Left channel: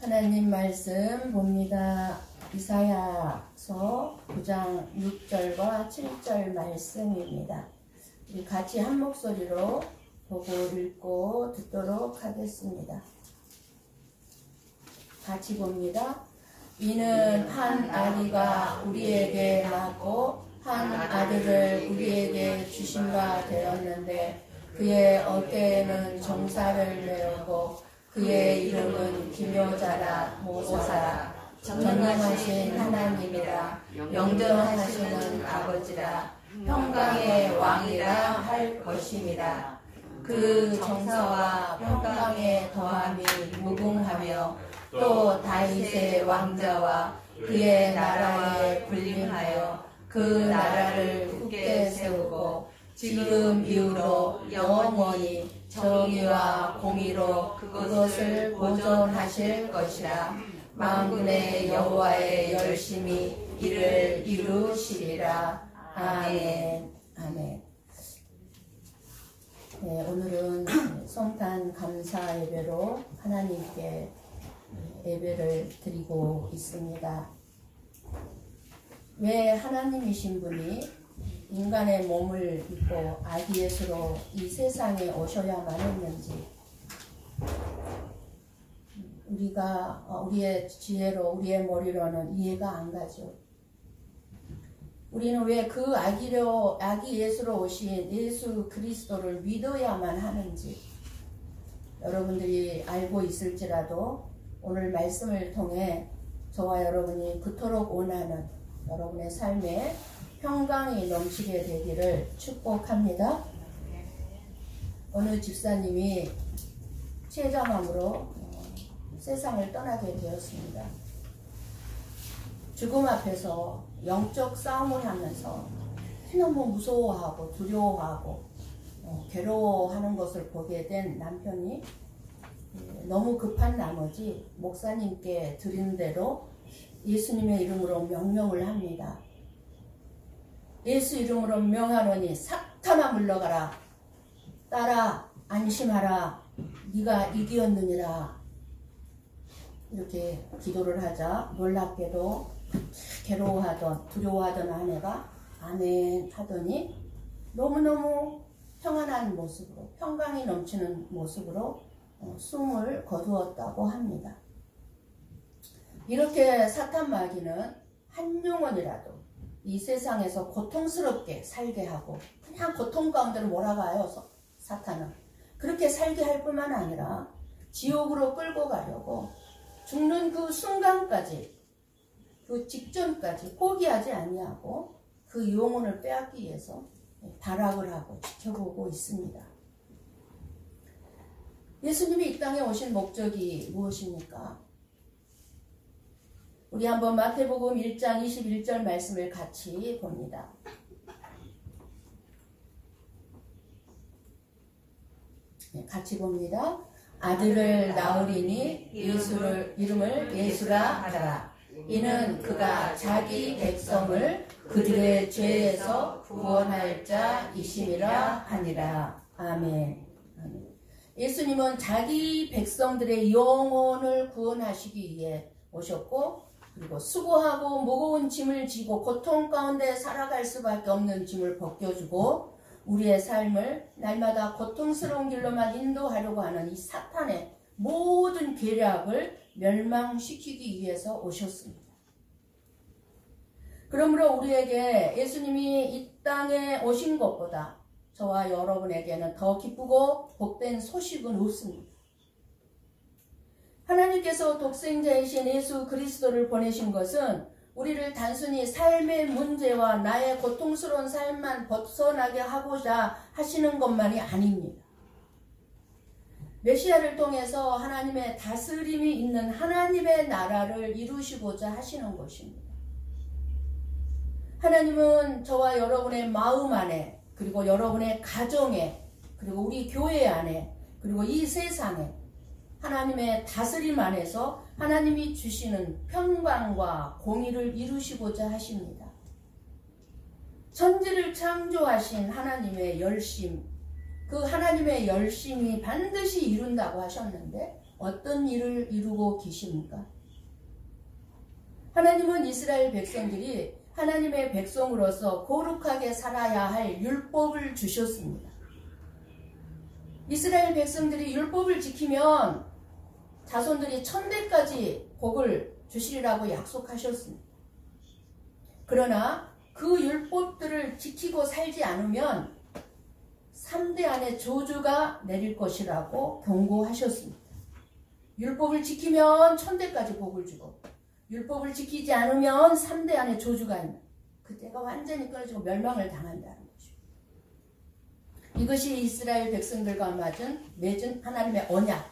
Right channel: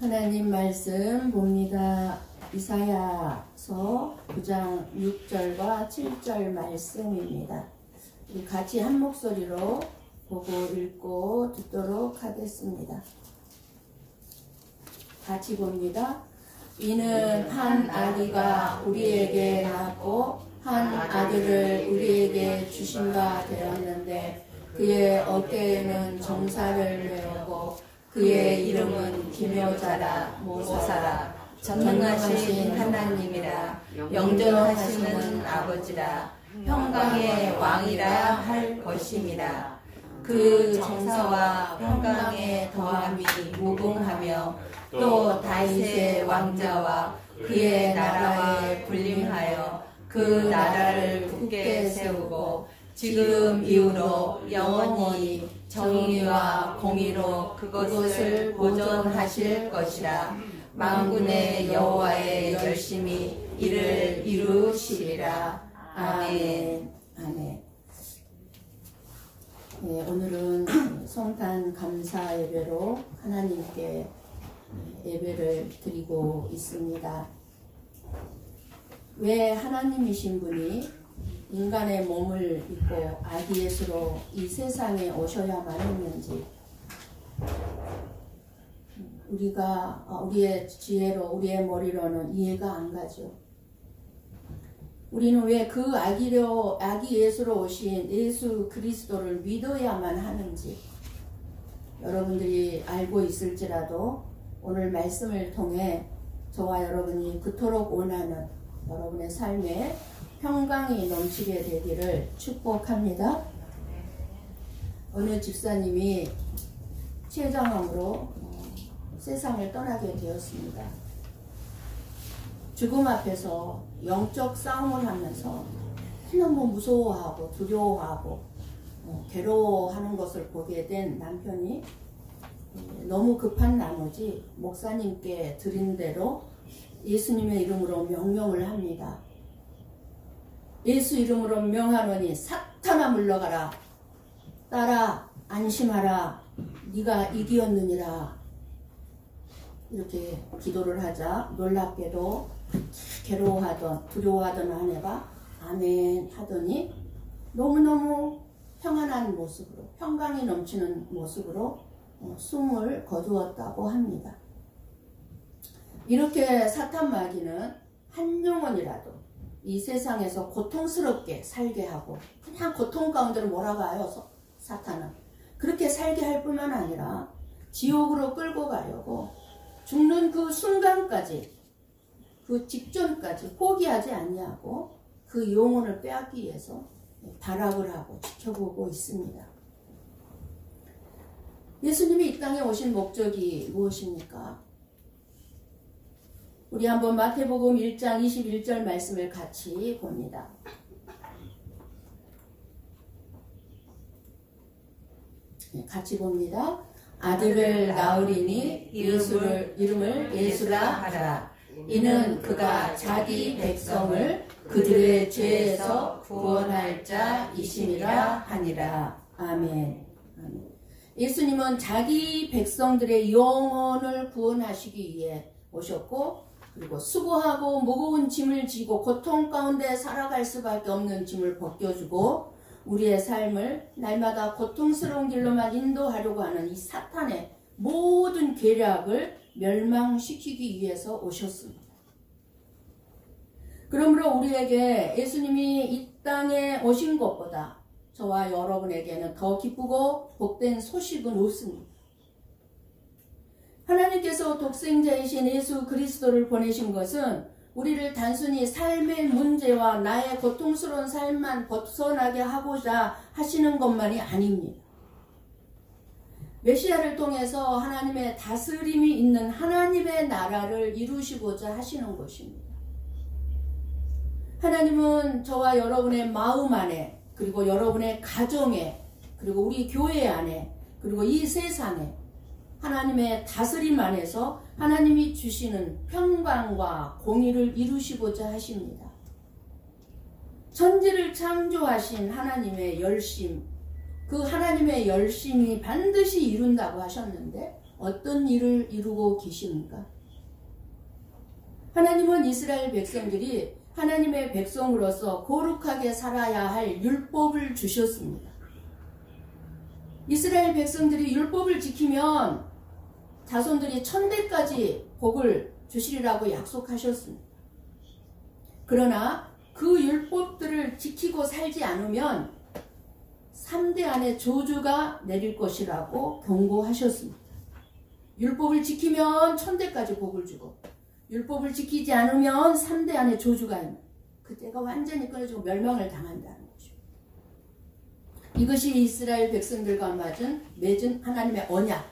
하나님 말씀 봅니다. 이사야서 9장 6절과 7절 말씀입니다. 우리 같이 한 목소리로 보고 읽고 듣도록 하겠습니다. 같이 봅니다. 이는 한 아기가 우리에게 낳고 한 아들을 우리에게 주신 바 되었는데 그의 어깨에는 정사를 메우고 그의 이름은 기묘자라 모사라 전능하신 하나님이라 영전하시는 아버지라 평강의 왕이라 할 것임이라. 그 정사와 평강의 더함이 무궁하며 또 다윗의 왕자와 그의 나라에 군림하여 그 나라를 굳게 세우고 지금 이후로 영원히 정의와 공의로 그것을 보존하실 것이라. 만군의 여호와의 열심히 이를 이루시리라. 아멘. 아멘. 네, 오늘은 성탄 감사 예배로 하나님께 예배를 드리고 있습니다. 왜 하나님이신 분이 인간의 몸을 입고 아기 예수로 이 세상에 오셔야만 했는지 우리의 지혜로 우리의 머리로는 이해가 안 가죠. 우리는 왜 그 아기 예수로 오신 예수 그리스도를 믿어야만 하는지 여러분들이 알고 있을지라도 오늘 말씀을 통해 저와 여러분이 그토록 원하는 여러분의 삶에 평강이 넘치게 되기를 축복합니다. 어느 집사님이 췌장암으로 세상을 떠나게 되었습니다. 죽음 앞에서 영적 싸움을 하면서 너무 무서워하고 두려워하고 괴로워하는 것을 보게 된 남편이 너무 급한 나머지 목사님께 드린 대로 예수님의 이름으로 명령을 합니다. 예수 이름으로 명하노니 사탄아 물러가라. 딸아 안심하라. 네가 이기었느니라. 이렇게 기도를 하자 놀랍게도 괴로워하던 두려워하던 아내가 아멘 하더니 너무너무 평안한 모습으로 평강이 넘치는 모습으로 숨을 거두었다고 합니다. 이렇게 사탄 마귀는 한 영혼이라도 이 세상에서 고통스럽게 살게 하고 그냥 고통 가운데로 몰아가요. 사탄은 그렇게 살게 할 뿐만 아니라 지옥으로 끌고 가려고 죽는 그 순간까지 그 직전까지 포기하지 아니하고 그 영혼을 빼앗기 위해서 발악을 하고 지켜보고 있습니다. 예수님이 이 땅에 오신 목적이 무엇입니까? 우리 한번 마태복음 1장 21절 말씀을 같이 봅니다. 같이 봅니다. 아들을 낳으리니 이름을 예수라 하라. 이는 그가 자기 백성을 그들의 죄에서 구원할 자이심이라 하니라. 아멘. 예수님은 자기 백성들의 영혼을 구원하시기 위해 오셨고 그리고 수고하고 무거운 짐을 지고 고통 가운데 살아갈 수밖에 없는 짐을 벗겨주고 우리의 삶을 날마다 고통스러운 길로만 인도하려고 하는 이 사탄의 모든 계략을 멸망시키기 위해서 오셨습니다. 그러므로 우리에게 예수님이 이 땅에 오신 것보다 저와 여러분에게는 더 기쁘고 복된 소식은 없습니다. 하나님께서 독생자이신 예수 그리스도를 보내신 것은 우리를 단순히 삶의 문제와 나의 고통스러운 삶만 벗어나게 하고자 하시는 것만이 아닙니다. 메시아를 통해서 하나님의 다스림이 있는 하나님의 나라를 이루시고자 하시는 것입니다. 하나님은 저와 여러분의 마음 안에 그리고 여러분의 가정에 그리고 우리 교회 안에 그리고 이 세상에 하나님의 다스림 안에서 하나님이 주시는 평강과 공의를 이루시고자 하십니다. 천지를 창조하신 하나님의 열심, 그 하나님의 열심이 반드시 이룬다고 하셨는데 어떤 일을 이루고 계십니까? 하나님은 이스라엘 백성들이 하나님의 백성으로서 거룩하게 살아야 할 율법을 주셨습니다. 이스라엘 백성들이 율법을 지키면 자손들이 천대까지 복을 주시리라고 약속하셨습니다. 그러나 그 율법들을 지키고 살지 않으면 3대 안에 저주가 내릴 것이라고 경고하셨습니다. 율법을 지키면 천대까지 복을 주고 율법을 지키지 않으면 3대 안에 저주가 있는, 그때가 완전히 끊어지고 멸망을 당한다는 거죠. 이것이 이스라엘 백성들과 맺은 하나님의 언약,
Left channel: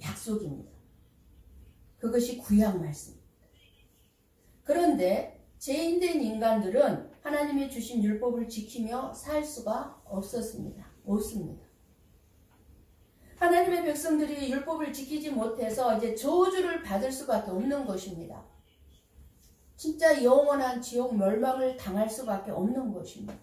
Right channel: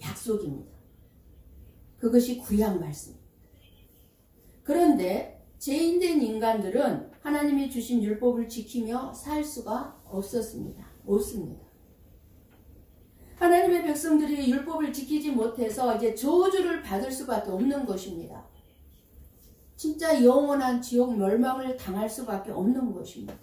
약속입니다. 그것이 구약 말씀입니다. 그런데 죄인된 인간들은 하나님이 주신 율법을 지키며 살 수가 없습니다. 하나님의 백성들이 율법을 지키지 못해서 이제 저주를 받을 수밖에 없는 것입니다. 진짜 영원한 지옥 멸망을 당할 수밖에 없는 것입니다.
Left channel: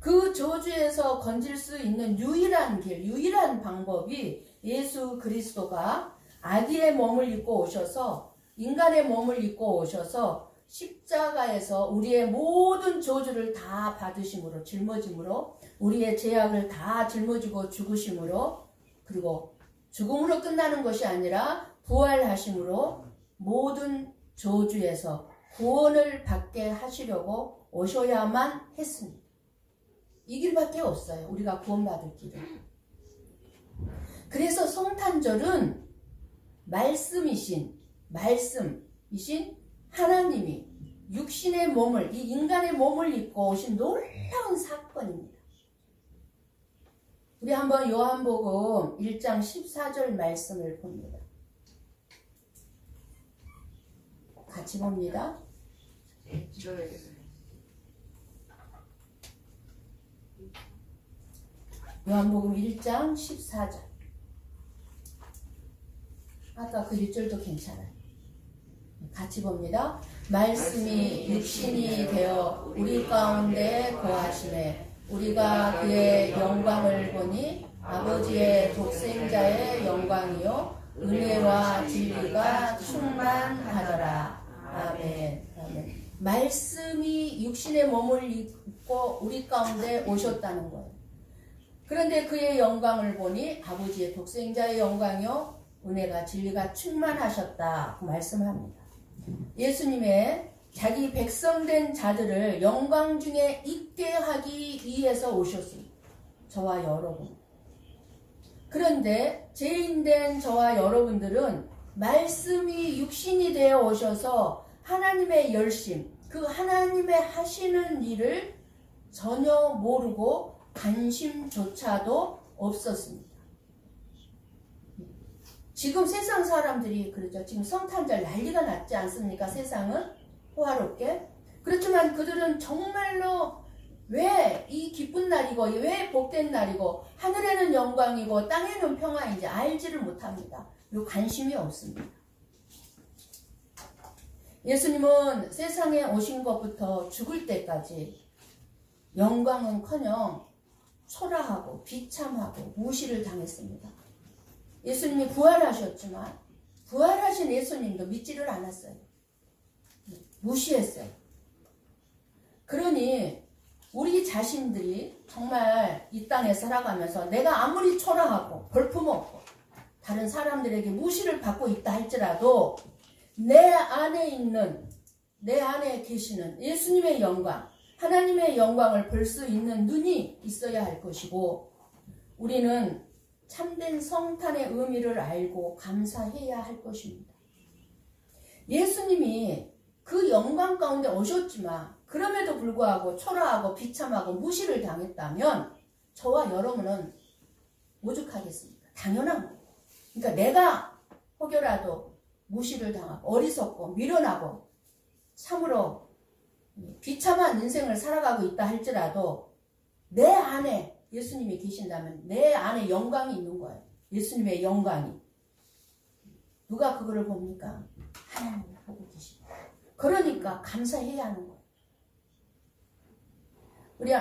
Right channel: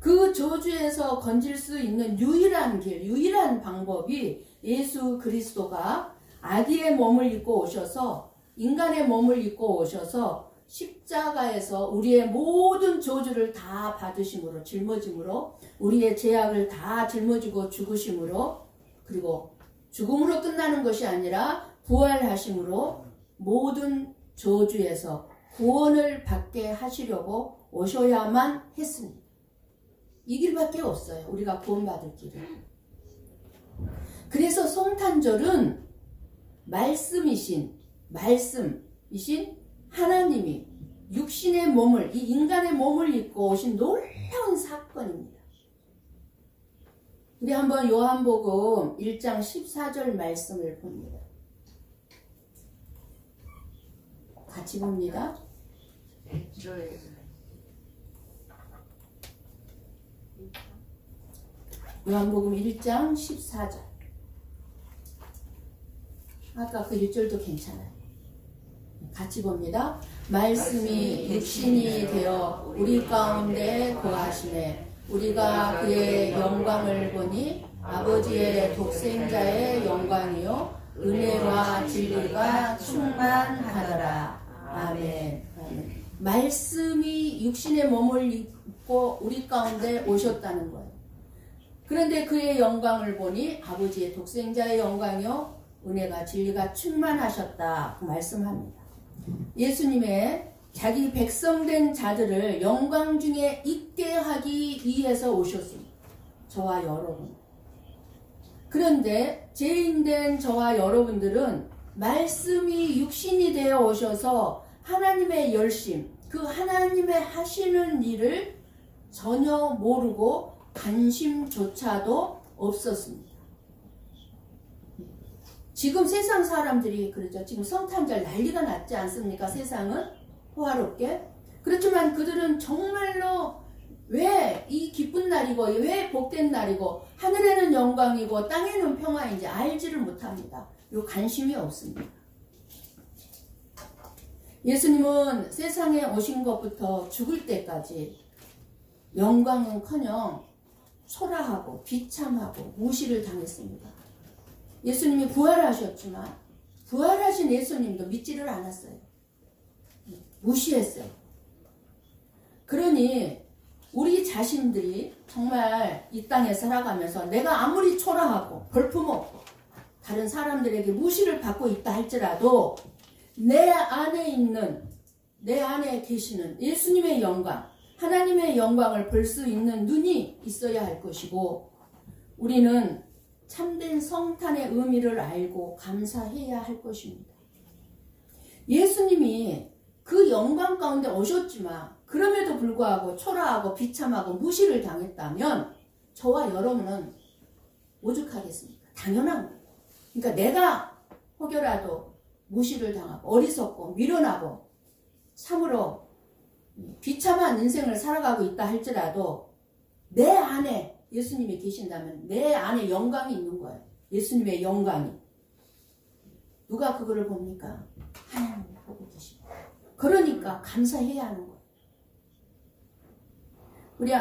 그 저주에서 건질 수 있는 유일한 길, 유일한 방법이 예수 그리스도가 아기의 몸을 입고 오셔서, 인간의 몸을 입고 오셔서 십자가에서 우리의 모든 저주를 다 받으심으로, 짊어짐으로, 우리의 죄악을 다 짊어지고 죽으심으로, 그리고 죽음으로 끝나는 것이 아니라 부활하심으로 모든 저주에서 구원을 받게 하시려고 오셔야만 했습니다. 이 길밖에 없어요. 우리가 구원받을 길은. 그래서 성탄절은 말씀이신 하나님이 육신의 몸을, 이 인간의 몸을 입고 오신 놀라운 사건입니다. 우리 한번 요한복음 1장 14절 말씀을 봅니다. 같이 봅니다. 요한복음 1장 14절. 아까 그 1절도 괜찮아요. 같이 봅니다. 말씀이 육신이 되어 우리 가운데 거하시네. 우리가 그의 영광을 보니 아버지의 독생자의 영광이요 은혜와 진리가 충만하더라. 아멘. 아멘. 말씀이 육신의 몸을 입고 우리 가운데 오셨다는 거예요. 그런데 그의 영광을 보니 아버지의 독생자의 영광이요 은혜가 진리가 충만하셨다 말씀합니다. 예수님의 자기 백성된 자들을 영광 중에 있게 하기 위해서 오셨습니다. 저와 여러분. 그런데 죄인된 저와 여러분들은 말씀이 육신이 되어 오셔서 하나님의 열심, 그 하나님의 하시는 일을 전혀 모르고 관심조차도 없었습니다. 지금 세상 사람들이 그러죠. 지금 성탄절 난리가 났지 않습니까? 세상은 호화롭게. 그렇지만 그들은 정말로 왜 이 기쁜 날이고 왜 복된 날이고 하늘에는 영광이고 땅에는 평화인지 알지를 못합니다. 요 관심이 없습니다. 예수님은 세상에 오신 것부터 죽을 때까지 영광은커녕 초라하고 비참하고 무시를 당했습니다. 예수님이 부활하셨지만 부활하신 예수님도 믿지를 않았어요. 무시했어요. 그러니 우리 자신들이 정말 이 땅에 살아가면서 내가 아무리 초라하고 볼품없고 다른 사람들에게 무시를 받고 있다 할지라도 내 안에 계시는 예수님의 영광, 하나님의 영광을 볼 수 있는 눈이 있어야 할 것이고 우리는 참된 성탄의 의미를 알고 감사해야 할 것입니다. 예수님이 그 영광 가운데 오셨지만 그럼에도 불구하고 초라하고 비참하고 무시를 당했다면 저와 여러분은 오죽하겠습니까? 당연한 거예요. 그러니까 내가 혹여라도 무시를 당하고 어리석고 미련하고 참으로 비참한 인생을 살아가고 있다 할지라도 내 안에 예수님이 계신다면 내 안에 영광이 있는 거예요. 예수님의 영광이. 누가 그거를 봅니까? 하나님이 보고 계십니다. 그러니까 감사해야 하는 거예요. 우리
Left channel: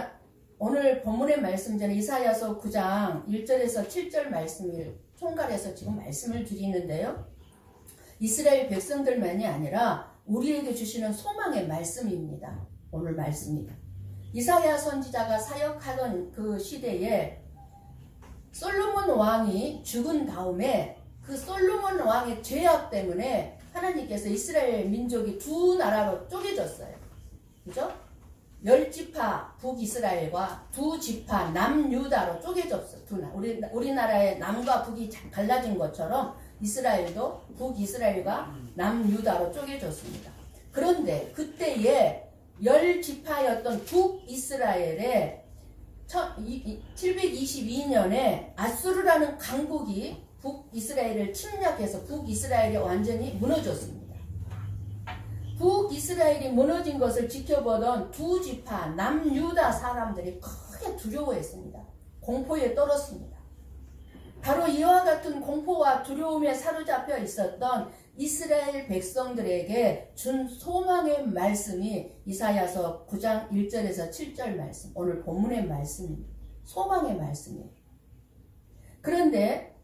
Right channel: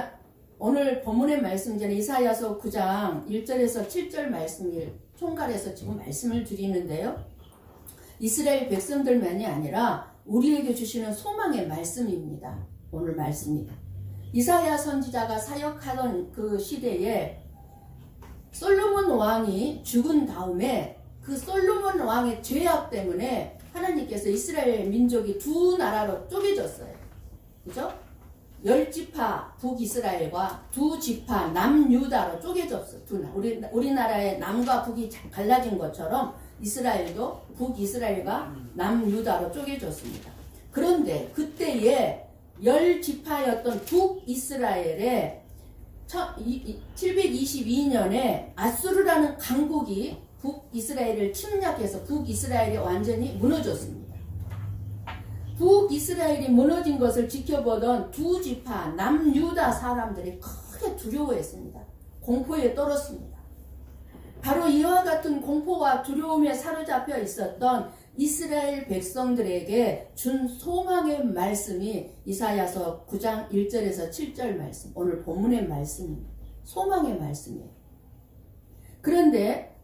오늘 본문의 말씀 전에 이사야서 9장 1절에서 7절 말씀을 총괄해서 지금 말씀을 드리는데요. 이스라엘 백성들만이 아니라 우리에게 주시는 소망의 말씀입니다. 오늘 말씀입니다. 이사야 선지자가 사역하던 그 시대에 솔로몬 왕이 죽은 다음에 그 솔로몬 왕의 죄악 때문에 하나님께서 이스라엘 민족이 두 나라로 쪼개졌어요. 그죠? 10지파 북이스라엘과 두 지파 남유다로 쪼개졌어요. 우리나라의 남과 북이 갈라진 것처럼 이스라엘도 북이스라엘과 남유다로 쪼개졌습니다. 그런데 그때에 10지파였던 북이스라엘에 722년에 아수르라는 강국이 북이스라엘을 침략해서 북이스라엘이 완전히 무너졌습니다. 북이스라엘이 무너진 것을 지켜보던 두 지파 남유다 사람들이 크게 두려워했습니다. 공포에 떨었습니다. 바로 이와 같은 공포와 두려움에 사로잡혀 있었던 이스라엘 백성들에게 준 소망의 말씀이 이사야서 9장 1절에서 7절 말씀, 오늘 본문의 말씀입니다. 소망의 말씀이에요. 그런데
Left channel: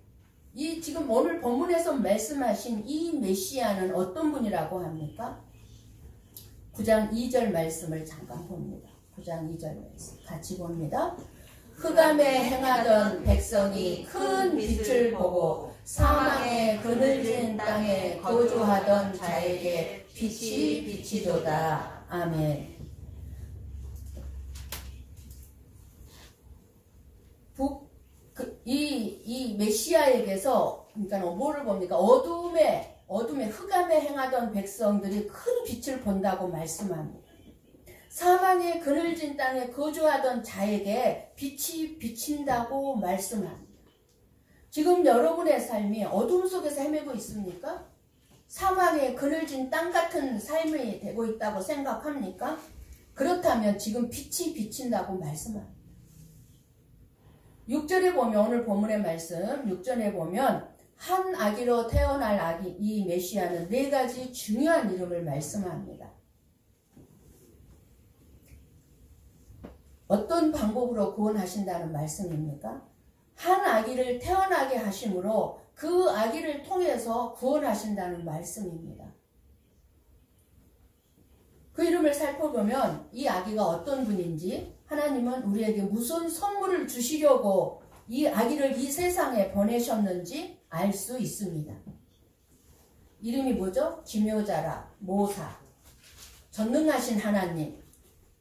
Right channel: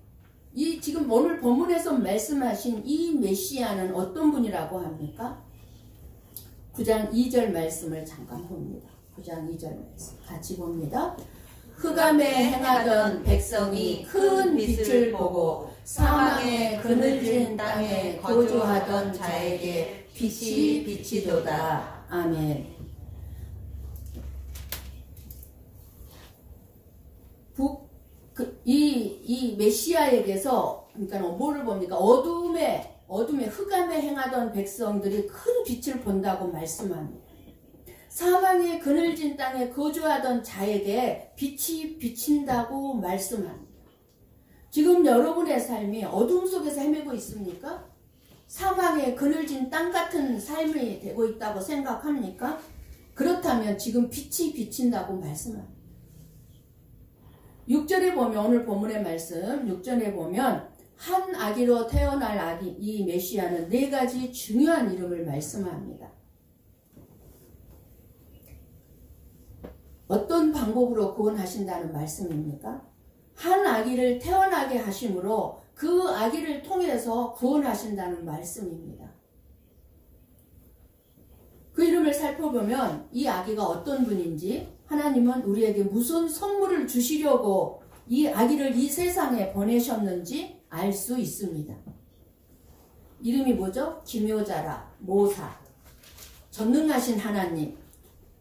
이 지금 오늘 본문에서 말씀하신 이 메시아는 어떤 분이라고 합니까? 9장 2절 말씀을 잠깐 봅니다. 9장 2절 말씀 같이 봅니다. 흑암에 행하던 백성이 큰 빛을 보고 사망의 그늘진 땅에 거주하던 자에게 빛이 비치도다. 아멘. 이 메시아에게서 그러니까 뭐를 봅니까? 어둠에 흑암에 행하던 백성들이 큰 빛을 본다고 말씀합니다. 사망의 그늘진 땅에 거주하던 자에게 빛이 비친다고 말씀합니다. 지금 여러분의 삶이 어둠 속에서 헤매고 있습니까? 사망의 그늘진 땅 같은 삶이 되고 있다고 생각합니까? 그렇다면 지금 빛이 비친다고 말씀합니다. 6절에 보면 오늘 본문의 말씀 6절에 보면 한 아기로 태어날 아기 이 메시아는 4가지 중요한 이름을 말씀합니다. 어떤 방법으로 구원하신다는 말씀입니까? 한 아기를 태어나게 하심으로 그 아기를 통해서 구원하신다는 말씀입니다. 그 이름을 살펴보면 이 아기가 어떤 분인지 하나님은 우리에게 무슨 선물을 주시려고 이 아기를 이 세상에 보내셨는지 알 수 있습니다. 이름이 뭐죠? 기묘자라, 모사, 전능하신 하나님,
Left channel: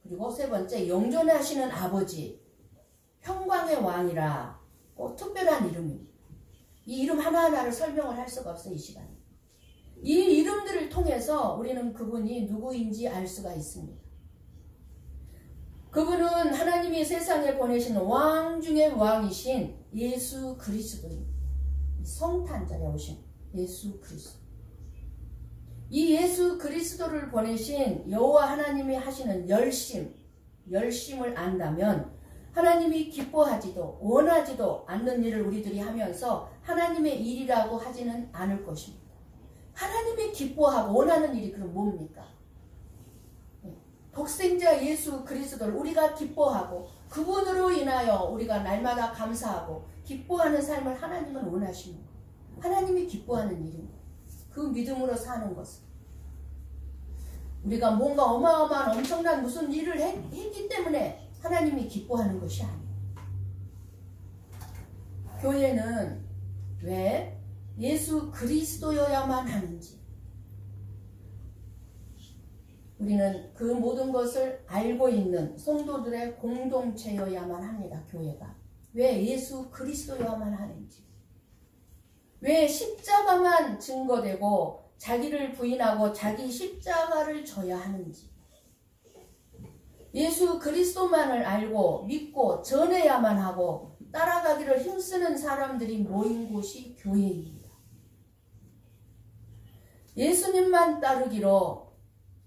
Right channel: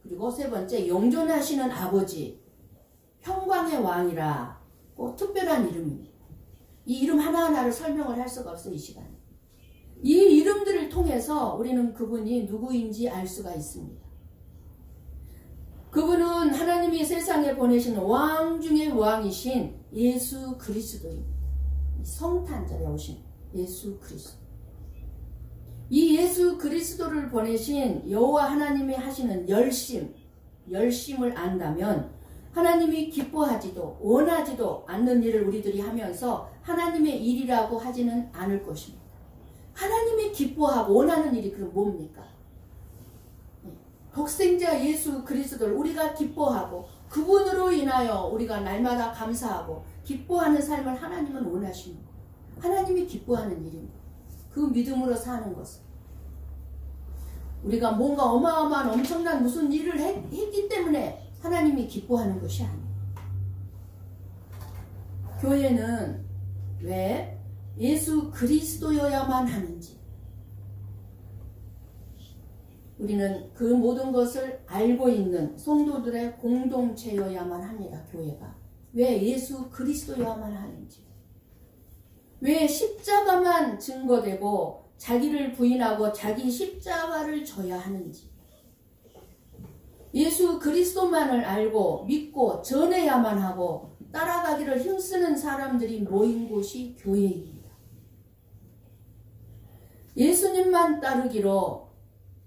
그리고 세 번째 영존하시는 아버지, 평강의 왕이라 꼭 특별한 이름입니다. 이 이름 하나하나를 설명을 할 수가 없어요. 이 시간에. 이 이름들을 통해서 우리는 그분이 누구인지 알 수가 있습니다. 그분은 하나님이 세상에 보내신 왕 중의 왕이신 예수 그리스도입니다. 성탄절에 오신 예수 그리스도. 이 예수 그리스도를 보내신 여호와 하나님이 하시는 열심을 안다면 하나님이 기뻐하지도 원하지도 않는 일을 우리들이 하면서 하나님의 일이라고 하지는 않을 것입니다. 하나님이 기뻐하고 원하는 일이 그럼 뭡니까? 독생자 예수 그리스도를 우리가 기뻐하고 그분으로 인하여 우리가 날마다 감사하고 기뻐하는 삶을 하나님은 원하시는 거예요. 하나님이 기뻐하는 일입니다. 그 믿음으로 사는 것은 우리가 뭔가 어마어마한 엄청난 무슨 일을 했기 때문에 하나님이 기뻐하는 것이 아니에요. 교회는 왜 예수 그리스도여야만 하는지 우리는 그 모든 것을 알고 있는 성도들의 공동체여야만 합니다. 교회가. 왜 예수 그리스도여야만 하는지. 왜 십자가만 증거되고 자기를 부인하고 자기 십자가를 져야 하는지. 예수 그리스도만을 알고 믿고 전해야만 하고 따라가기를 힘쓰는 사람들이 모인 곳이 교회입니다. 예수님만 따르기로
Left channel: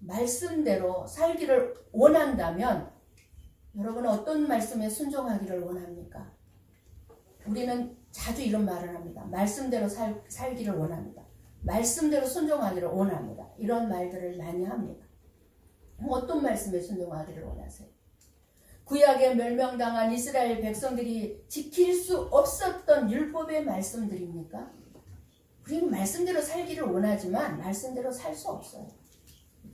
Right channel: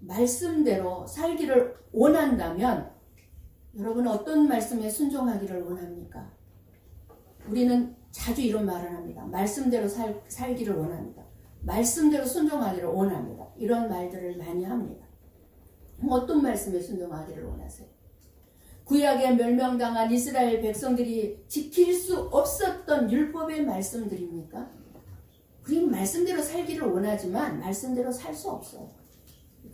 말씀대로 살기를 원한다면 여러분은 어떤 말씀에 순종하기를 원합니까? 우리는 자주 이런 말을 합니다. 말씀대로 살기를 원합니다. 말씀대로 순종하기를 원합니다. 이런 말들을 많이 합니다. 어떤 말씀에 순종하기를 원하세요? 구약에 멸망당한 이스라엘 백성들이 지킬 수 없었던 율법의 말씀들입니까? 우리는 말씀대로 살기를 원하지만 말씀대로 살 수 없어요.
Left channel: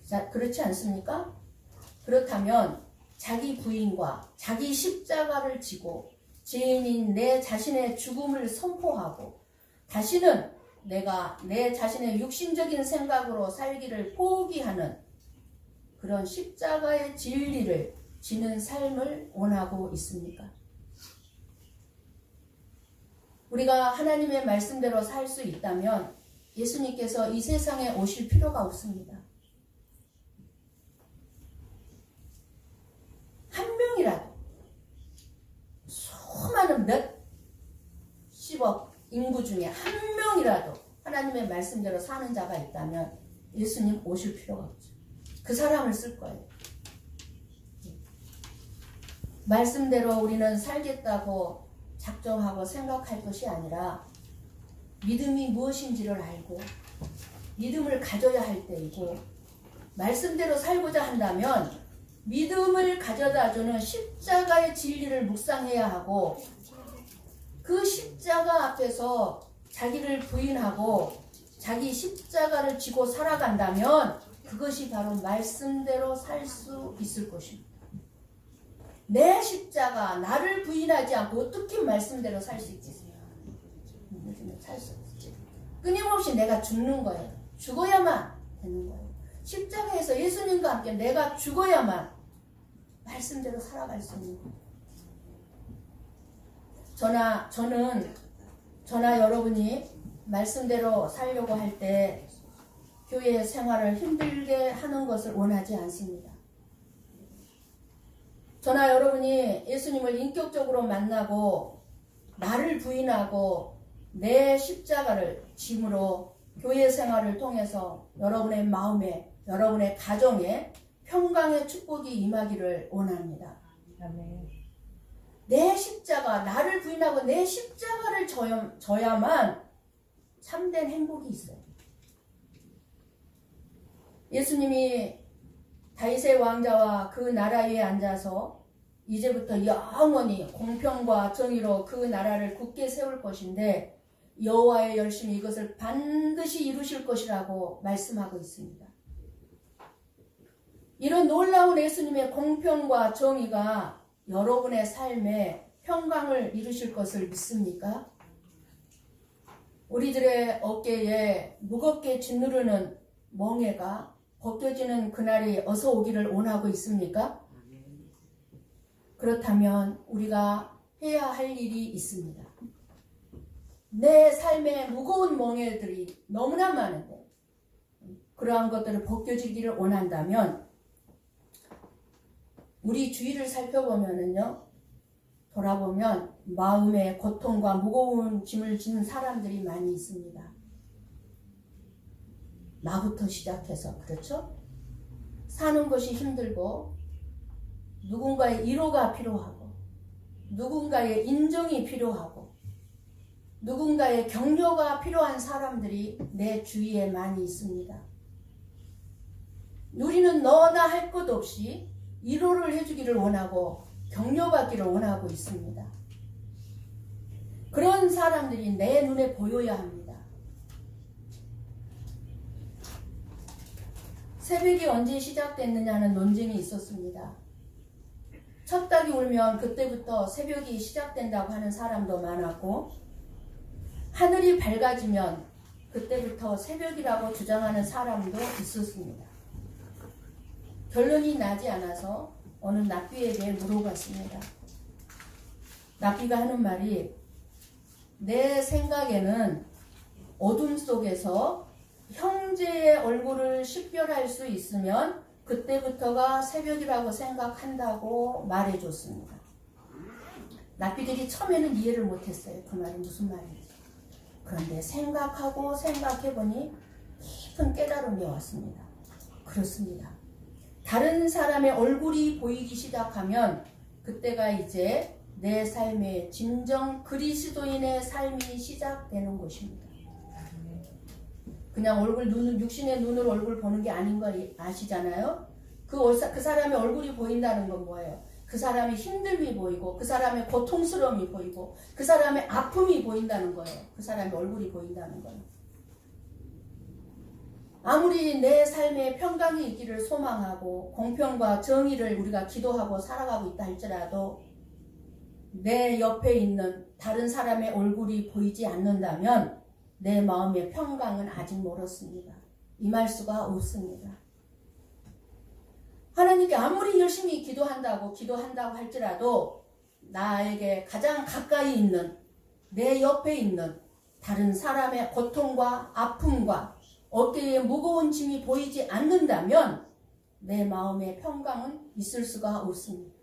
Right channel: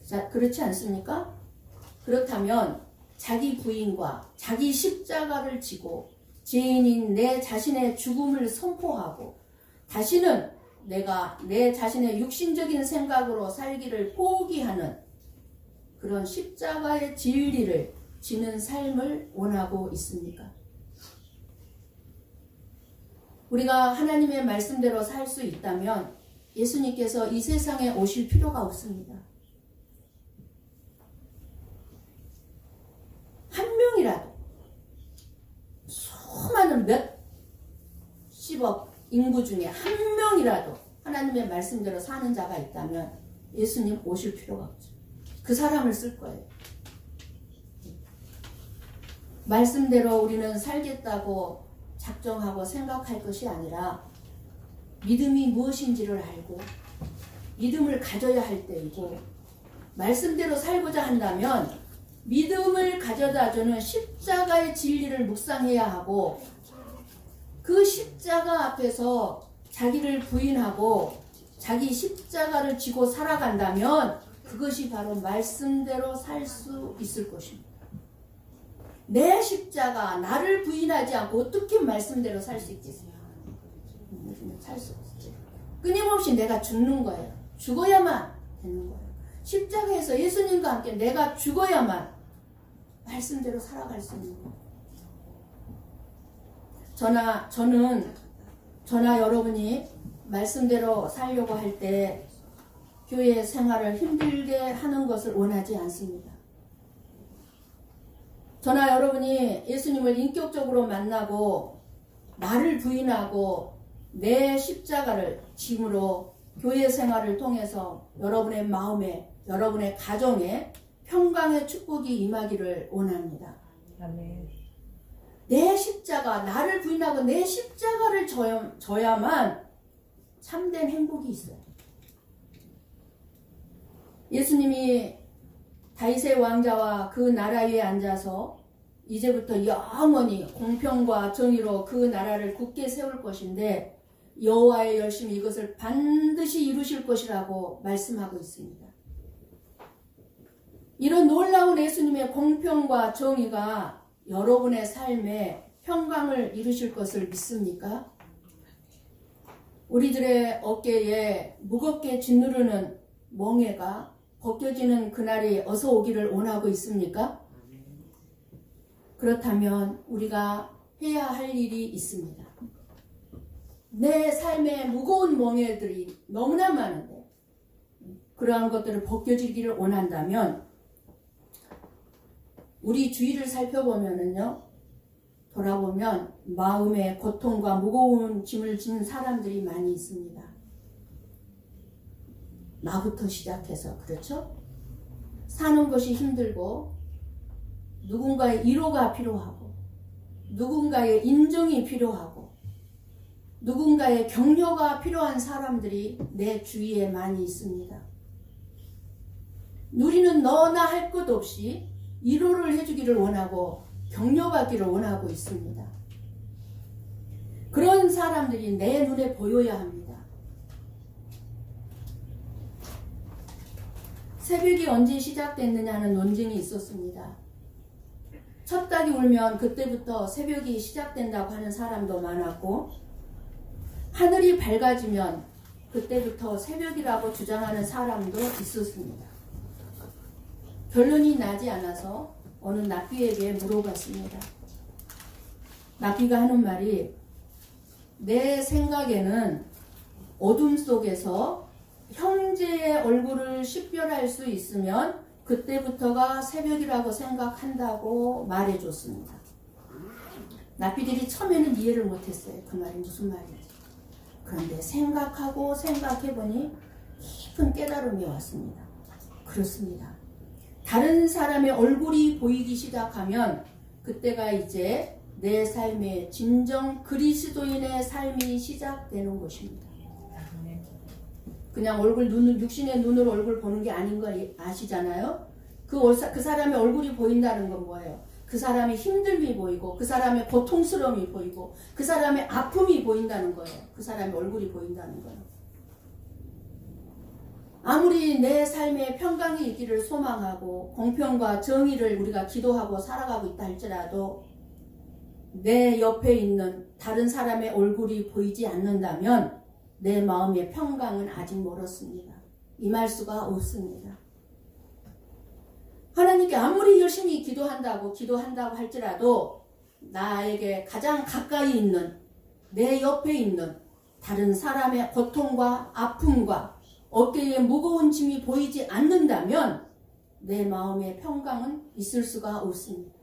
자, 그렇지 않습니까? 그렇다면 자기 부인과 자기 십자가를 지고 죄인인 내 자신의 죽음을 선포하고 다시는 내가 내 자신의 육신적인 생각으로 살기를 포기하는 그런 십자가의 진리를 지는 삶을 원하고 있습니까? 우리가 하나님의 말씀대로 살 수 있다면 예수님께서 이 세상에 오실 필요가 없습니다. 한 명이라도 수많은 몇십억 인구 중에 한 명이라도 하나님의 말씀대로 사는 자가 있다면 예수님 오실 필요가 없죠. 그 사람을 쓸 거예요. 말씀대로 우리는 살겠다고 작정하고 생각할 것이 아니라 믿음이 무엇인지를 알고 믿음을 가져야 할 때이고 말씀대로 살고자 한다면 믿음을 가져다주는 십자가의 진리를 묵상해야 하고 그 십자가 앞에서 자기를 부인하고 자기 십자가를 지고 살아간다면 그것이 바로 말씀대로 살 수 있을 것입니다. 내 십자가, 나를 부인하지 않고 어떻게 말씀대로 살 수 있지? 살 수 없지. 끊임없이 내가 죽는 거예요. 죽어야만 되는 거예요. 십자가에서 예수님과 함께 내가 죽어야만 말씀대로 살아갈 수 있는 거예요. 저나 여러분이 말씀대로 살려고 할 때 교회 생활을 힘들게 하는 것을 원하지 않습니다. 저나 여러분이 예수님을 인격적으로 만나고 나를 부인하고 내 십자가를 짐으로 교회 생활을 통해서 여러분의 마음에 여러분의 가정에 평강의 축복이 임하기를 원합니다. 아멘. 내 십자가, 나를 부인하고 내 십자가를 져야만 참된 행복이 있어요. 예수님이 다윗의 왕자와 그 나라 위에 앉아서 이제부터 영원히 공평과 정의로 그 나라를 굳게 세울 것인데 여호와의 열심히 이것을 반드시 이루실 것이라고 말씀하고 있습니다. 이런 놀라운 예수님의 공평과 정의가 여러분의 삶에 평강을 이루실 것을 믿습니까? 우리들의 어깨에 무겁게 짓누르는 멍에가 벗겨지는 그날이 어서 오기를 원하고 있습니까? 그렇다면 우리가 해야 할 일이 있습니다. 내 삶에 무거운 멍에들이 너무나 많은데 그러한 것들을 벗겨지기를 원한다면 우리 주위를 살펴보면은요, 돌아보면 마음의 고통과 무거운 짐을 지는 사람들이 많이 있습니다. 나부터 시작해서 그렇죠? 사는 것이 힘들고 누군가의 위로가 필요하고 누군가의 인정이 필요하고 누군가의 격려가 필요한 사람들이 내 주위에 많이 있습니다. 우리는 너나 할 것 없이 위로를 해주기를 원하고 격려받기를 원하고 있습니다. 그런 사람들이 내 눈에 보여야 합니다. 새벽이 언제 시작됐느냐는 논쟁이 있었습니다. 첫 닭이 울면 그때부터 새벽이 시작된다고 하는 사람도 많았고 하늘이 밝아지면 그때부터 새벽이라고 주장하는 사람도 있었습니다. 결론이 나지 않아서 어느 납비에게 물어봤습니다. 납비가 하는 말이 내 생각에는 어둠 속에서 형제의 얼굴을 식별할 수 있으면 그때부터가 새벽이라고 생각한다고 말해줬습니다. 납비들이 처음에는 이해를 못했어요. 그 말이 무슨 말인지. 그런데 생각하고 생각해보니 깊은 깨달음이 왔습니다. 그렇습니다. 다른 사람의 얼굴이 보이기 시작하면 그때가 이제 내 삶의 진정 그리스도인의 삶이 시작되는 것입니다. 그냥 육신의 눈으로 얼굴 보는 게 아닌 거 아시잖아요? 그 사람의 얼굴이 보인다는 건 뭐예요? 그 사람의 힘듦이 보이고 그 사람의 고통스러움이 보이고 그 사람의 아픔이 보인다는 거예요. 그 사람의 얼굴이 보인다는 거예요. 아무리 내 삶에 평강이 있기를 소망하고 공평과 정의를 우리가 기도하고 살아가고 있다 할지라도 내 옆에 있는 다른 사람의 얼굴이 보이지 않는다면 내 마음의 평강은 아직 멀었습니다. 임할 수가 없습니다. 하나님께 아무리 열심히 기도한다고 할지라도 나에게 가장 가까이 있는 내 옆에 있는 다른 사람의 고통과 아픔과 어깨에 무거운 짐이 보이지 않는다면 내 마음의 평강은 있을 수가 없습니다.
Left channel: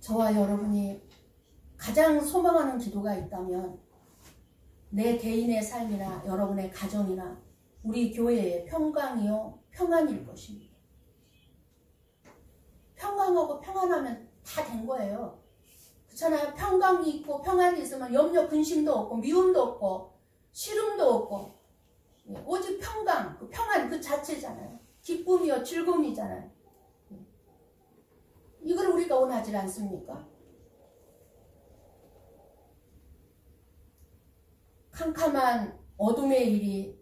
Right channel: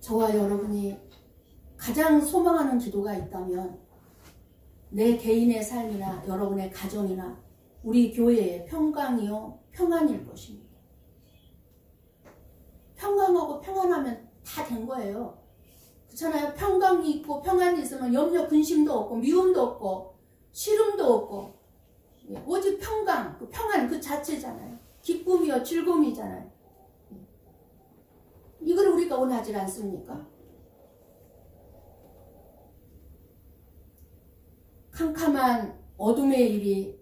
저와 여러분이 가장 소망하는 기도가 있다면 내 개인의 삶이나 여러분의 가정이나 우리 교회의 평강이요 평안일 것입니다. 평강하고 평안하면 다 된 거예요. 그렇잖아요. 평강이 있고 평안이 있으면 염려 근심도 없고 미움도 없고 싫음도 없고 오직 평강, 평안 그 자체잖아요. 기쁨이요 즐거움이잖아요. 이걸 우리가 원하지 않습니까? 캄캄한 어둠의 일이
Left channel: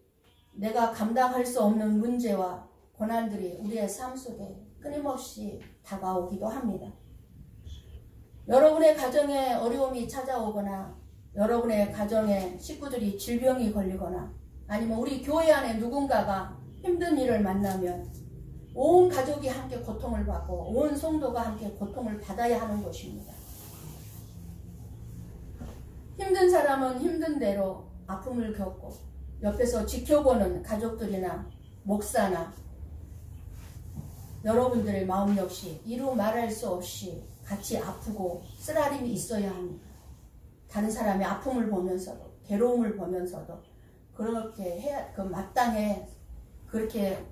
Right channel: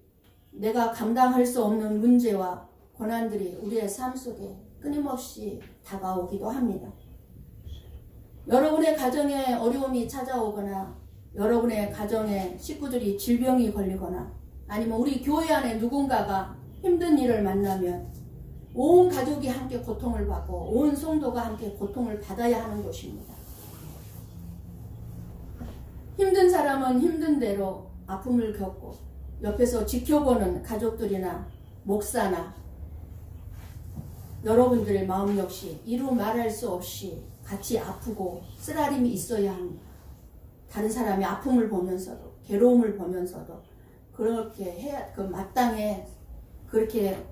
내가 감당할 수 없는 문제와 고난들이 우리의 삶 속에 끊임없이 다가오기도 합니다. 여러분의 가정에 어려움이 찾아오거나 여러분의 가정에 식구들이 질병이 걸리거나 아니면 우리 교회 안에 누군가가 힘든 일을 만나면 온 가족이 함께 고통을 받고 온 성도가 함께 고통을 받아야 하는 것입니다. 힘든 사람은 힘든 대로 아픔을 겪고 옆에서 지켜보는 가족들이나 목사나 여러분들의 마음 역시 이루 말할 수 없이 같이 아프고 쓰라림이 있어야 합니다. 다른 사람의 아픔을 보면서도 괴로움을 보면서도 그렇게 해야 마땅해 그렇게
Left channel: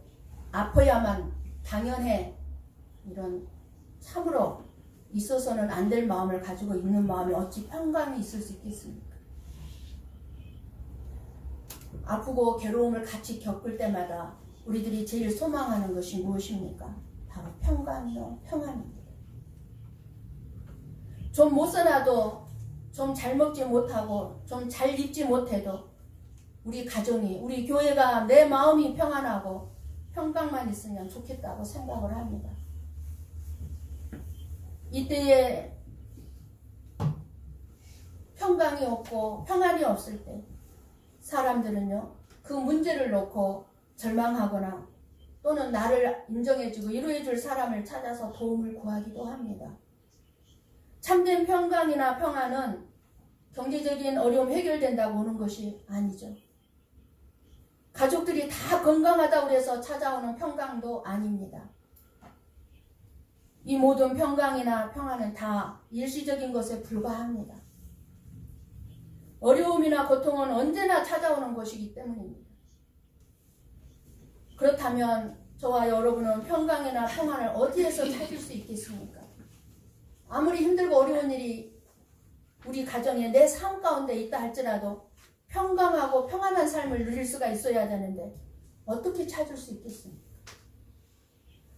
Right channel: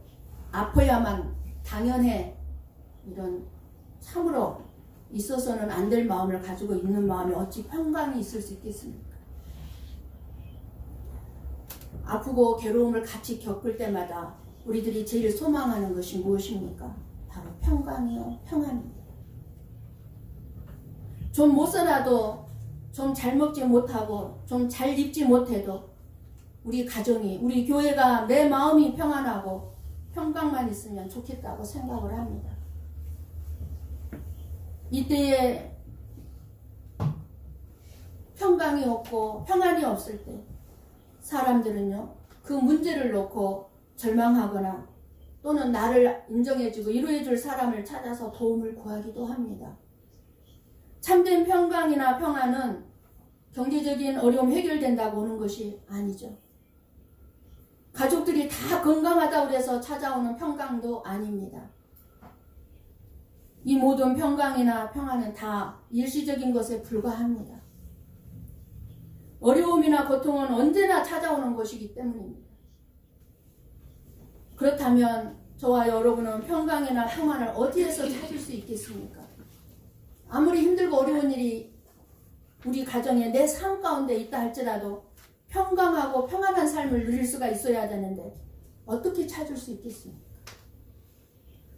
아파야만 당연해 이런 참으로 있어서는 안 될 마음을 가지고 있는 마음에 어찌 평강이 있을 수 있겠습니까? 아프고 괴로움을 같이 겪을 때마다 우리들이 제일 소망하는 것이 무엇입니까? 바로 평강이요 평안입니다. 좀 못 살아도 좀 잘 먹지 못하고 좀 잘 입지 못해도 우리 가정이 우리 교회가 내 마음이 평안하고 평강만 있으면 좋겠다고 생각을 합니다. 이때에 평강이 없고 평안이 없을 때 사람들은요 그 문제를 놓고 절망하거나 또는 나를 인정해주고 위로해줄 사람을 찾아서 도움을 구하기도 합니다. 참된 평강이나 평안은 경제적인 어려움 해결된다고 오는 것이 아니죠. 가족들이 다 건강하다고 해서 찾아오는 평강도 아닙니다. 이 모든 평강이나 평안은 다 일시적인 것에 불과합니다. 어려움이나 고통은 언제나 찾아오는 것이기 때문입니다. 그렇다면 저와 여러분은 평강이나 평안을 어디에서 찾을 수 있겠습니까? 아무리 힘들고 어려운 일이 우리 가정에 내 삶 가운데 있다 할지라도 평강하고 평안한 삶을 누릴 수가 있어야 되는데 어떻게 찾을 수 있겠습니까?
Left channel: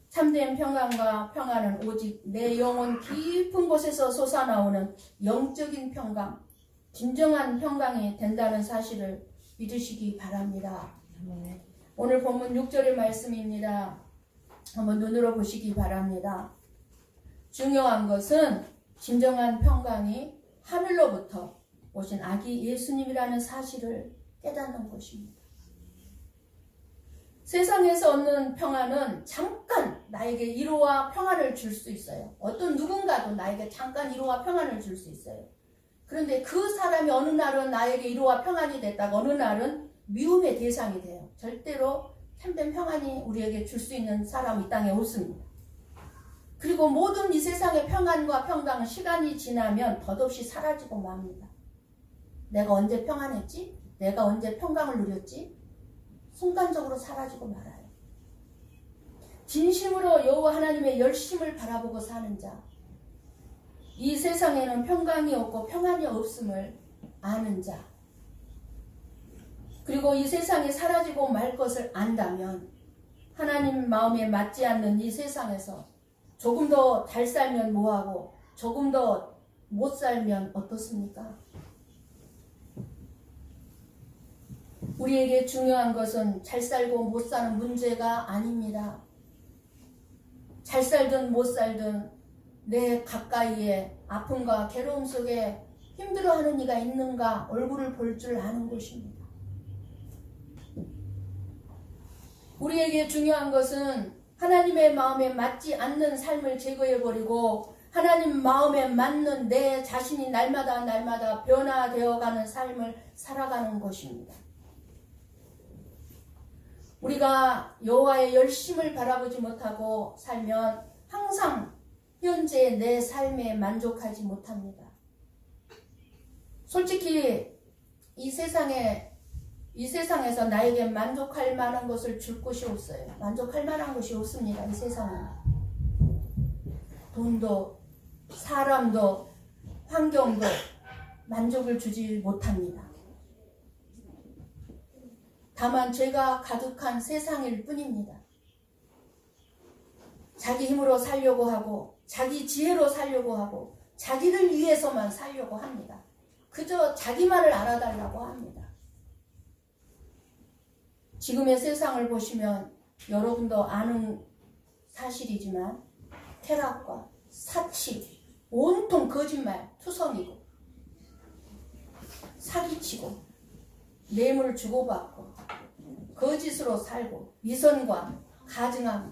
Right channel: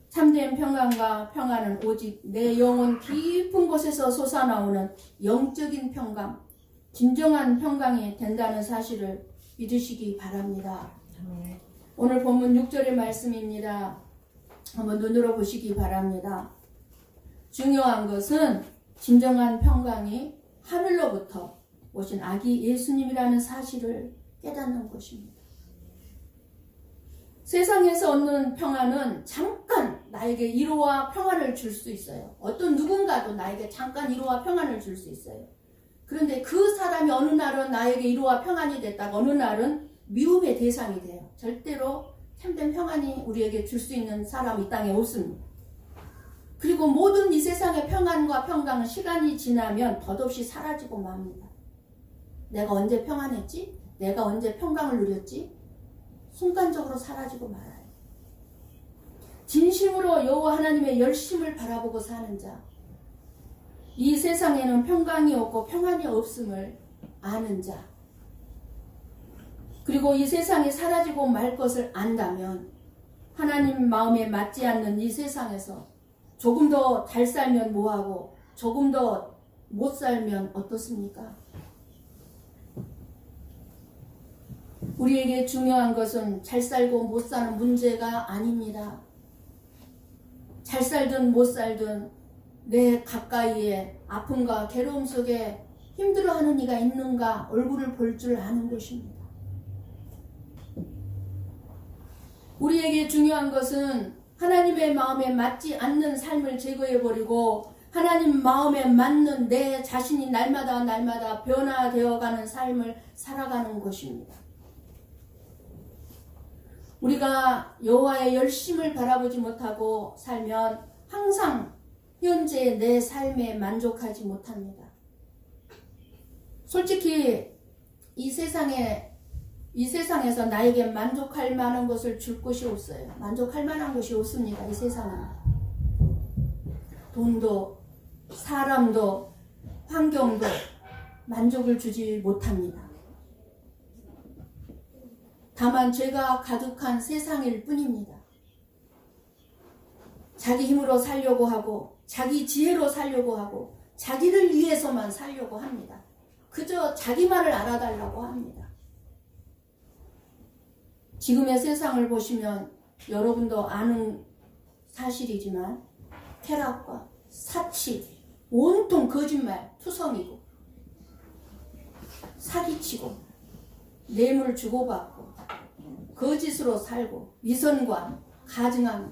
참된 평강과 평안은 오직 내 영혼 깊은 곳에서 솟아나오는 영적인 평강, 진정한 평강이 된다는 사실을 믿으시기 바랍니다. 오늘 본문 6절의 말씀입니다. 한번 눈으로 보시기 바랍니다. 중요한 것은 진정한 평강이 하늘로부터 오신 아기 예수님이라는 사실을 깨닫는 것입니다. 세상에서 얻는 평안은 잠깐 나에게 위로와 평안을 줄 수 있어요. 어떤 누군가도 나에게 잠깐 위로와 평안을 줄 수 있어요. 그런데 그 사람이 어느 날은 나에게 위로와 평안이 됐다가 어느 날은 미움의 대상이 돼요. 절대로 참된 평안이 우리에게 줄 수 있는 사람이 이 땅에 없습니다. 그리고 모든 이 세상의 평안과 평강은 시간이 지나면 덧없이 사라지고 맙니다. 내가 언제 평안했지? 내가 언제 평강을 누렸지? 순간적으로 사라지고 말아요. 진심으로 여호와 하나님의 열심을 바라보고 사는 자, 이 세상에는 평강이 없고 평안이 없음을 아는 자, 그리고 이 세상이 사라지고 말 것을 안다면 하나님 마음에 맞지 않는 이 세상에서 조금 더 잘 살면 뭐하고 조금 더 못 살면 어떻습니까? 우리에게 중요한 것은 잘 살고 못 사는 문제가 아닙니다. 잘 살든 못 살든 내 가까이에 아픔과 괴로움 속에 힘들어하는 이가 있는가 얼굴을 볼 줄 아는 것입니다. 우리에게 중요한 것은 하나님의 마음에 맞지 않는 삶을 제거해버리고 하나님 마음에 맞는 내 자신이 날마다 변화되어가는 삶을 살아가는 것입니다. 우리가 여호와의 열심을 바라보지 못하고 살면 항상 현재 내 삶에 만족하지 못합니다. 솔직히 이 세상에서 나에게 만족할 만한 것을 줄 곳이 없어요. 만족할 만한 것이 없습니다. 이 세상은. 돈도 사람도 환경도 만족을 주지 못합니다. 다만 죄가 가득한 세상일 뿐입니다. 자기 힘으로 살려고 하고 자기 지혜로 살려고 하고 자기를 위해서만 살려고 합니다. 그저 자기만을 알아달라고 합니다. 지금의 세상을 보시면 여러분도 아는 사실이지만 쾌락과 사치, 온통 거짓말, 투성이고 사기치고 뇌물 주고받고 거짓으로 살고 위선과 가증하고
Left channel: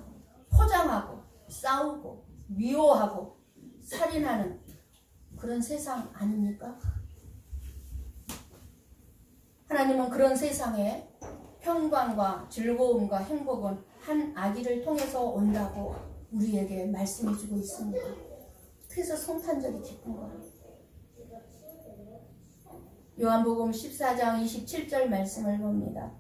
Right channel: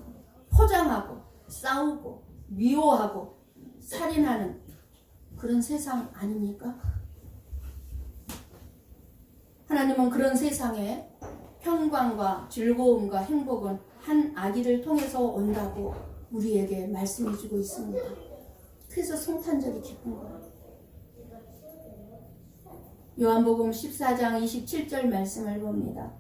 포장하고 싸우고 미워하고 살인하는 그런 세상 아닙니까? 하나님은 그런 세상에 평강과 즐거움과 행복은 한 아기를 통해서 온다고 우리에게 말씀해 주고 있습니다. 그래서 성탄절이 기쁜 거예요. 요한복음 14장 27절 말씀을 봅니다.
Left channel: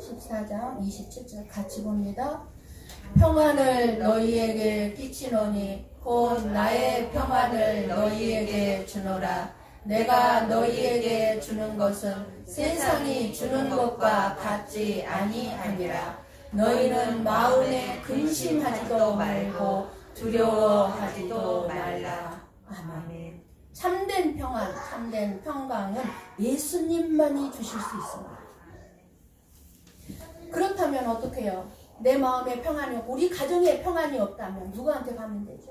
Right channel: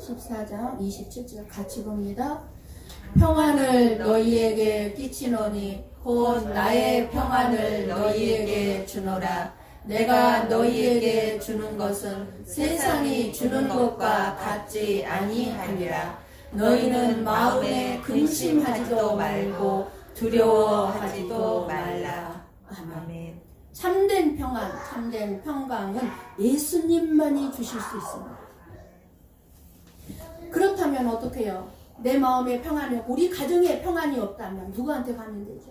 (14장 27절) 같이 봅니다. 평안을 너희에게 끼치노니 곧 나의 평안을 너희에게 주노라. 내가 너희에게 주는 것은 세상이 주는 것과 같지 아니하니라. 너희는 마음에 근심하지도 말고 두려워하지도 말라. 아멘. 참된 평안, 참된 평강은 예수님만이 주실 수 있습니다. 그렇다면 어떻게 해요? 내 마음에 평안이 없고 우리 가정에 평안이 없다면 누구한테 가면 되죠?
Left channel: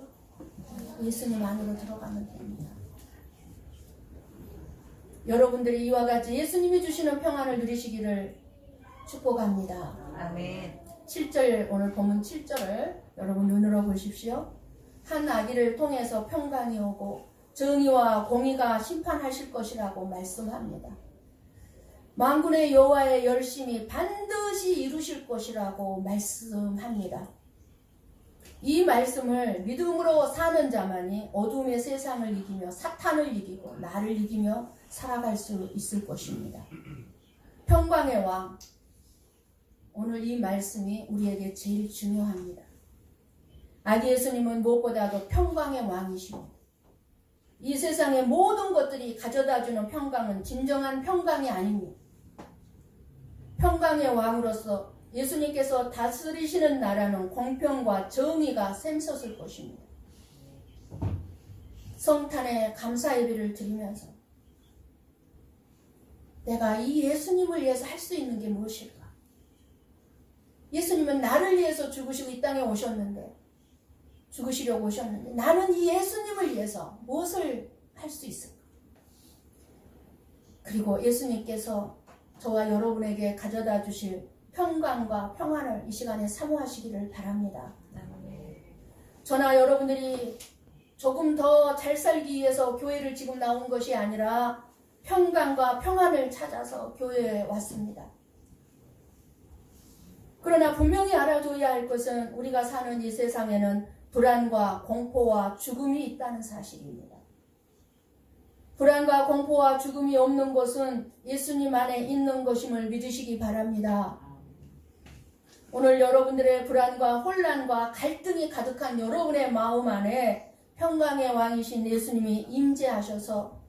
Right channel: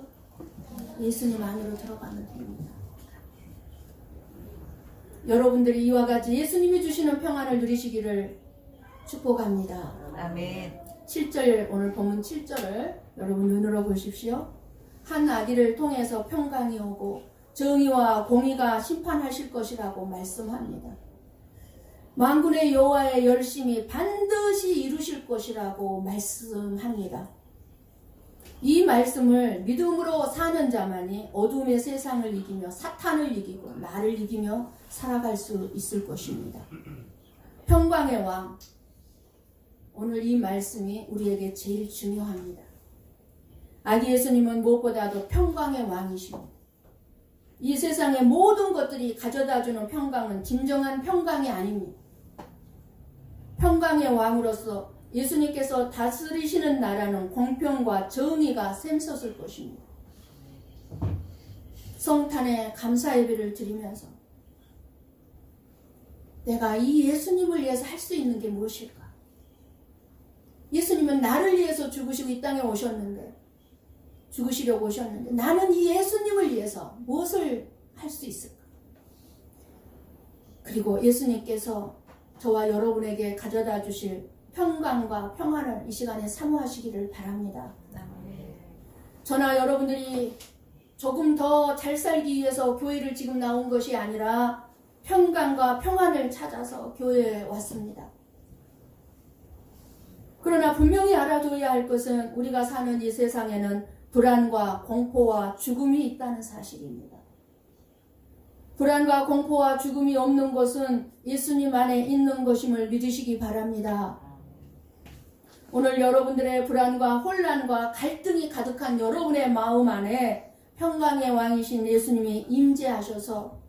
예수님 안으로 들어가면 됩니다. 여러분들이 이와 같이 예수님이 주시는 평안을 누리시기를 축복합니다. 아멘. 7절, 오늘 본문 7절을 여러분 눈으로 보십시오. 한 아기를 통해서 평강이 오고 정의와 공의가 심판하실 것이라고 말씀합니다. 만군의 여호와의 열심이 반드시 이루실 것이라고 말씀합니다. 이 말씀을 믿음으로 사는 자만이 어둠의 세상을 이기며 사탄을 이기고 나를 이기며 살아갈 수 있을 것입니다. 평강의 왕, 오늘 이 말씀이 우리에게 제일 중요합니다. 아기 예수님은 무엇보다도 평강의 왕이십니다. 이 세상의 모든 것들이 가져다주는 평강은 진정한 평강이 아닙니다. 평강의 왕으로서 예수님께서 다스리시는 나라는 공평과 정의가 샘솟을 것입니다. 성탄에 감사 예배를 드리면서 내가 이 예수님을 위해서 할 수 있는 게 무엇일까? 예수님은 나를 위해서 죽으시고 이 땅에 오셨는데, 죽으시려고 오셨는데 나는 이 예수님을 위해서 무엇을 할 수 있을까? 그리고 예수님께서 저와 여러분에게 가져다 주실 평강과 평안을 이 시간에 사모하시기를 바랍니다. 저나 여러분들이 조금 더 잘 살기 위해서 교회를 지금 나온 것이 아니라 평강과 평안을 찾아서 교회에 왔습니다. 그러나 분명히 알아둬야 할 것은 우리가 사는 이 세상에는 불안과 공포와 죽음이 있다는 사실입니다. 불안과 공포와 죽음이 없는 것은 예수님 안에 있는 것임을 믿으시기 바랍니다. 오늘 여러분들의 불안과 혼란과 갈등이 가득한 여러분의 마음 안에 평강의 왕이신 예수님이 임재하셔서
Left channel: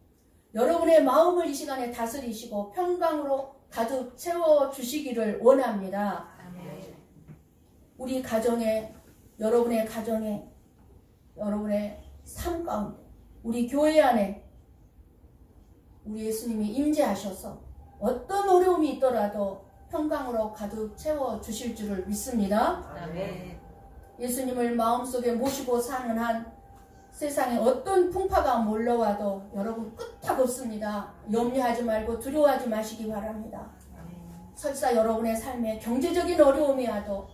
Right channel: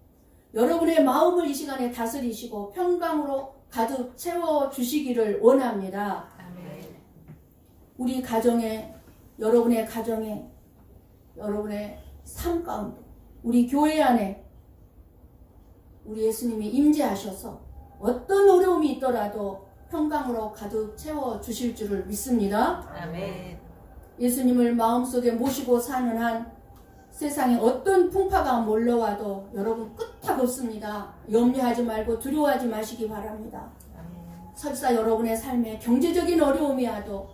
여러분의 마음을 이 시간에 다스리시고 평강으로 가득 채워주시기를 원합니다. 아멘. 우리 가정에, 여러분의 가정에, 여러분의 삶 가운데, 우리 교회 안에 우리 예수님이 임재하셔서 어떤 어려움이 있더라도 평강으로 가득 채워주실 줄을 믿습니다. 아멘. 예수님을 마음속에 모시고 사는 한 세상에 어떤 풍파가 몰려와도 여러분 끄떡 없습니다. 염려하지 말고 두려워하지 마시기 바랍니다. 아멘. 설사 여러분의 삶에 경제적인 어려움이 와도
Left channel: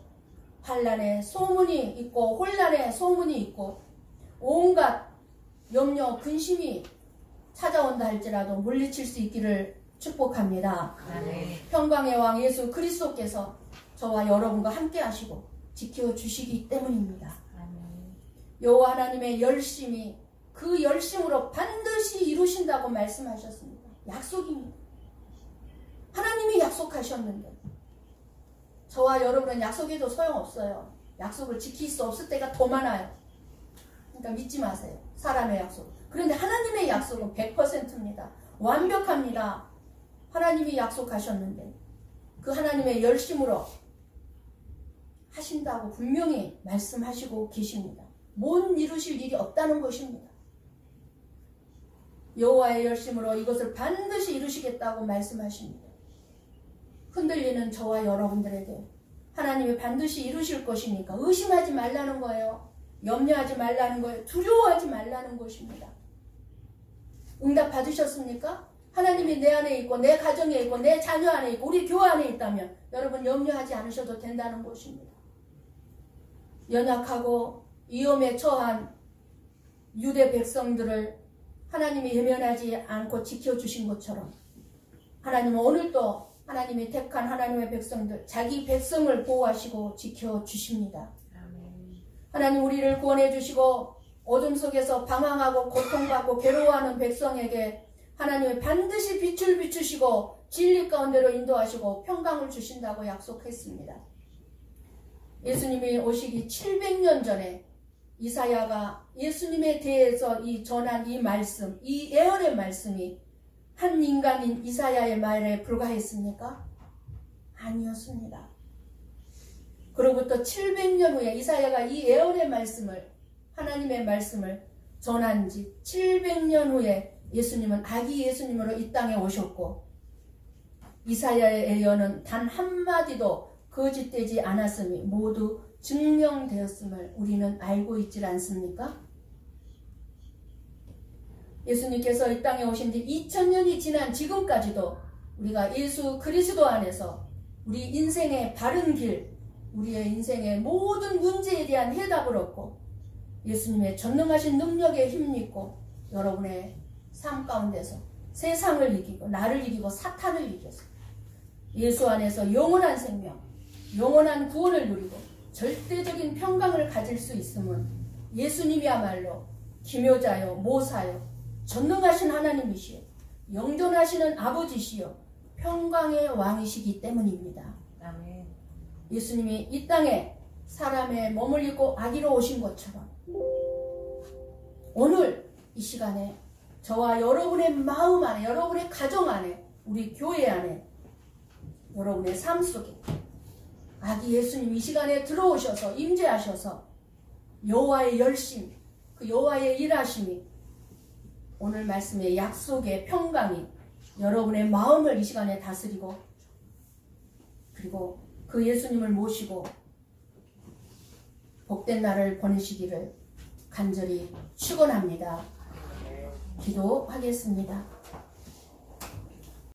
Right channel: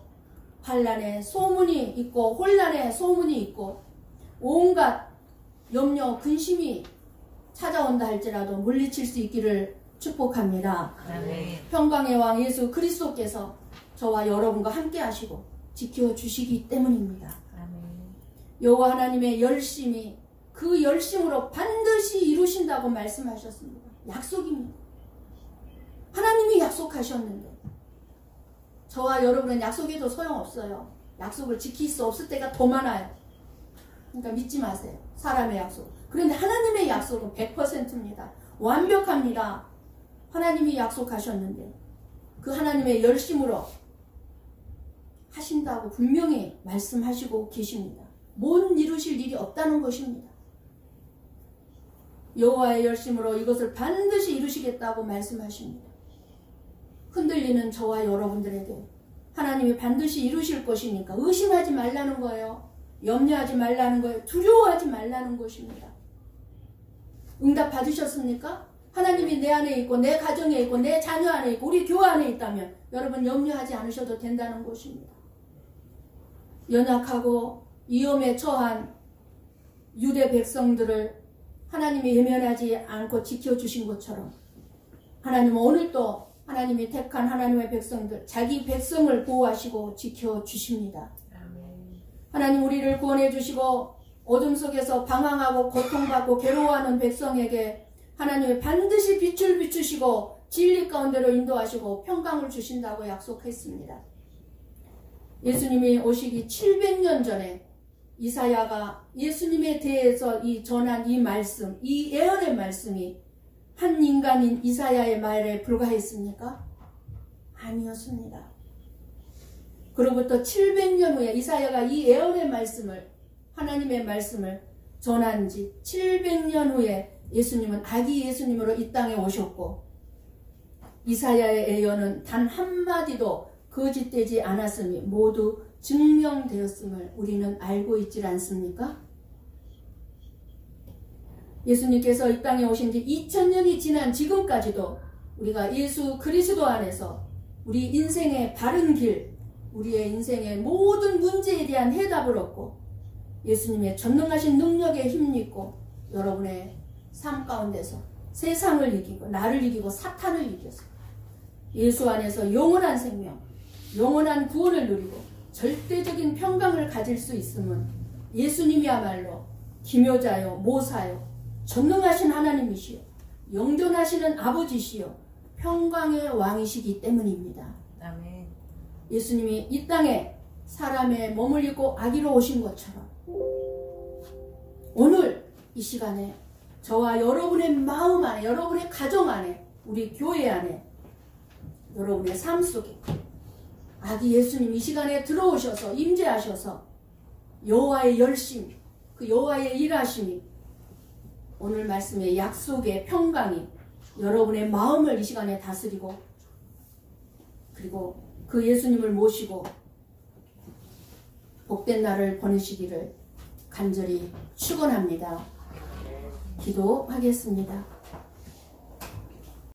환난의 소문이 있고 혼란의 소문이 있고 온갖 염려, 근심이 찾아온다 할지라도 물리칠 수 있기를 축복합니다. 아멘. 평강의 왕 예수 그리스도께서 저와 여러분과 함께 하시고 지켜주시기 때문입니다. 아멘. 여호와 하나님의 열심이 그 열심으로 반드시 이루신다고 말씀하셨습니다. 약속입니다. 하나님이 약속하셨는데 저와 여러분은 약속해도 소용없어요. 약속을 지킬 수 없을 때가 더 많아요. 그러니까 믿지 마세요. 사람의 약속. 그런데 하나님의 약속은 100%입니다. 완벽합니다. 하나님이 약속하셨는데 그 하나님의 열심으로 하신다고 분명히 말씀하시고 계십니다. 못 이루실 일이 없다는 것입니다. 여호와의 열심으로 이것을 반드시 이루시겠다고 말씀하십니다. 흔들리는 저와 여러분들에게 하나님이 반드시 이루실 것이니까 의심하지 말라는 거예요. 염려하지 말라는 거예요. 두려워하지 말라는 것입니다. 응답 받으셨습니까? 하나님이 내 안에 있고 내 가정에 있고 내 자녀 안에 있고 우리 교회 안에 있다면 여러분 염려하지 않으셔도 된다는 것입니다. 연약하고 위험에 처한 유대 백성들을 하나님이 외면하지 않고 지켜주신 것처럼 하나님은 오늘도 하나님이 택한 하나님의 백성들, 자기 백성을 보호하시고 지켜주십니다. 아멘. 하나님 우리를 구원해 주시고 어둠 속에서 방황하고 고통받고 괴로워하는 백성에게 하나님이 반드시 빛을 비추시고 진리 가운데로 인도하시고 평강을 주신다고 약속했습니다. 예수님이 오시기 700년 전에 이사야가 예수님에 대해서 전한 이 말씀, 이 예언의 말씀이 한 인간인 이사야의 말에 불과했습니까? 아니었습니다. 그로부터 700년 후에 이사야가 이 예언의 말씀을, 하나님의 말씀을 전한 지 700년 후에 예수님은 아기 예수님으로 이 땅에 오셨고 이사야의 예언은 단 한마디도 거짓되지 않았음이 모두 증명되었음을 우리는 알고 있지 않습니까? 예수님께서 이 땅에 오신 지 2000년이 지난 지금까지도 우리가 예수 그리스도 안에서 우리 인생의 바른 길, 우리의 인생의 모든 문제에 대한 해답을 얻고 예수님의 전능하신 능력에 힘입고 여러분의 삶 가운데서 세상을 이기고 나를 이기고 사탄을 이겨서 예수 안에서 영원한 생명, 영원한 구원을 누리고 절대적인 평강을 가질 수 있음은 예수님이야말로 기묘자요, 모사요, 전능하신 하나님이시요, 영존하시는 아버지시요, 평강의 왕이시기 때문입니다. 아멘. 예수님이 이 땅에 사람의 몸을 입고 아기로 오신 것처럼 오늘 이 시간에 저와 여러분의 마음 안에, 여러분의 가정 안에, 우리 교회 안에, 여러분의 삶 속에 아기 예수님 이 시간에 들어오셔서 임재하셔서 여호와의 열심, 그 여호와의 일하심이 오늘 말씀의 약속의 평강이 여러분의 마음을 이 시간에 다스리고 그리고 그 예수님을 모시고 복된 날을 보내시기를 간절히 축원합니다. 기도하겠습니다.